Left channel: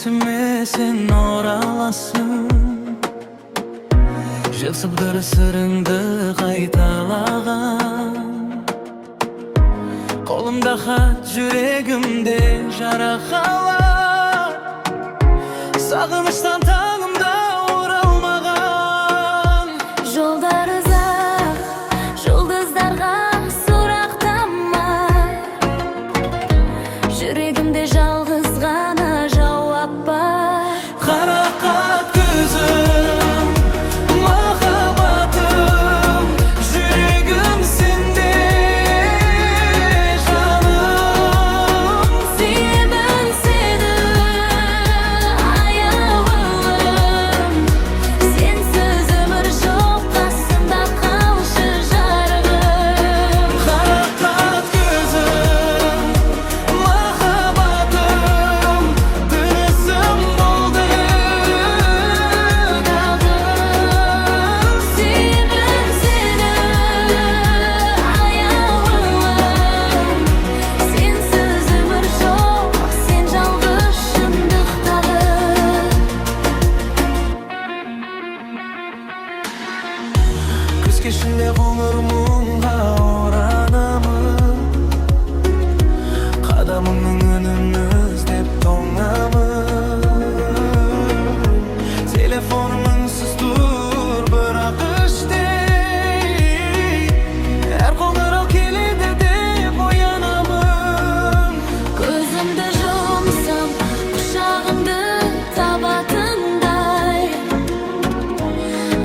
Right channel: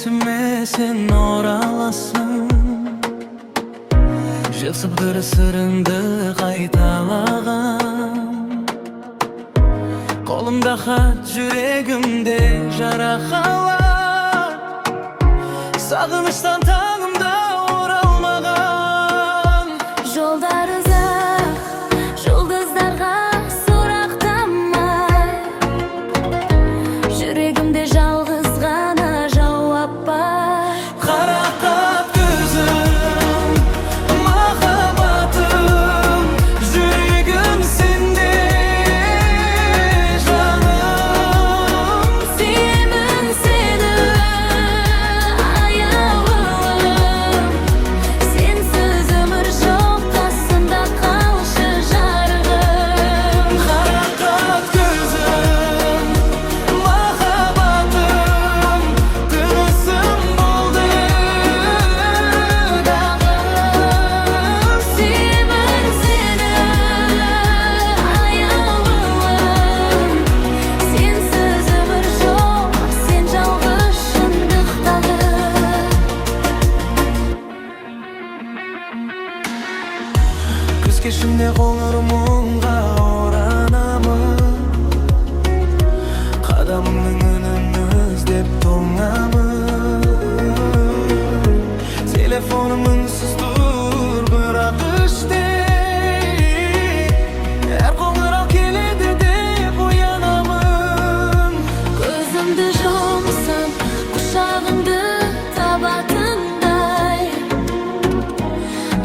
esime sen oralasın. Жылсыптыр сырыңды қайталаған. Қолымда хат, жүрегімде жарақалар. Сағыныштан таңымда оралмаған. Жолдар ұзақ, жұлдыздарға сұрақтамай. Жүрегімде жалғыз ғана жауап бар. Қарақат көзім, махаббатым, жүрегім сенде жаным. Сүйемін сені, аяулым. Сенсіз өмір жоқ, қасымда қалшы жарығым. Қарақат көзім, махаббатым, тынысым болды дағы. Сүйемін сені, аяулым. Сенсіз өмір жоқ, сен жалғыз шындықтағы. Күз кешінде қоңыр мұңға оранамын. Қадамыңның үнін іздеп тоңамын. Телефоным үнсіз тұр, бірақ іштей. Әр қоңырау келеді деп оянамын. Көзімді жұмсам, құшағыңды табатындай.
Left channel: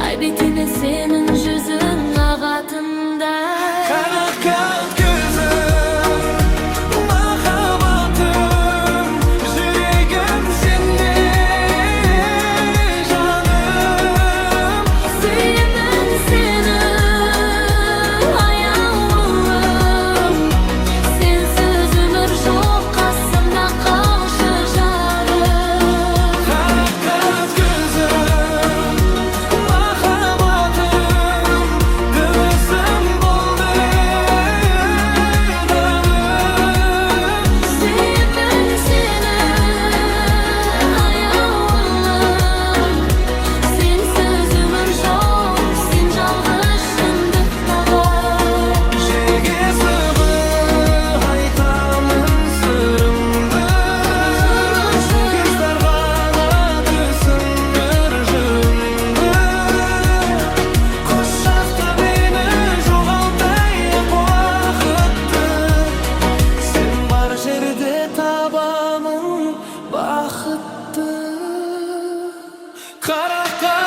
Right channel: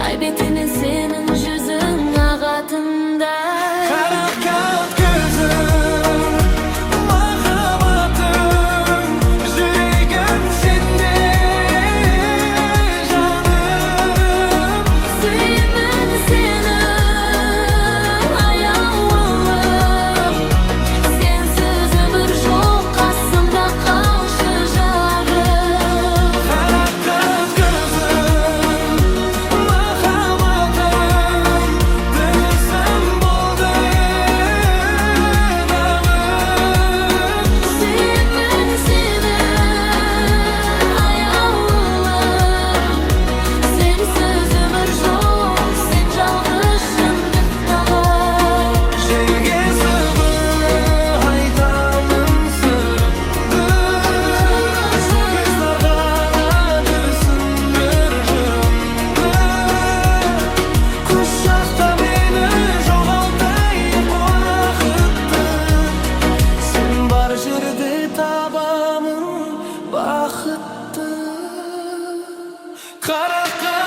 Ай бетінен сенің жүзің ағатындай. Қарақат көзім, махаббатым, жүрегім сенде жаным. Сүйемін сені, аяулым. Сенсіз өмір жоқ, қасымда қалшы жарығым. Қарақат көзім, махаббатым, тынысым болды дағы. Сүйемін сені, аяулым. Сенсіз өмір жоқ, сен жалғыз шындықтағы. Желге сыбыр айтамын сырымды. Жұлдыздарға түсіндір жырымды. Құшақта мені жоғалтайық уақытты. Сен бар жерде табамын бақытты. Қарақат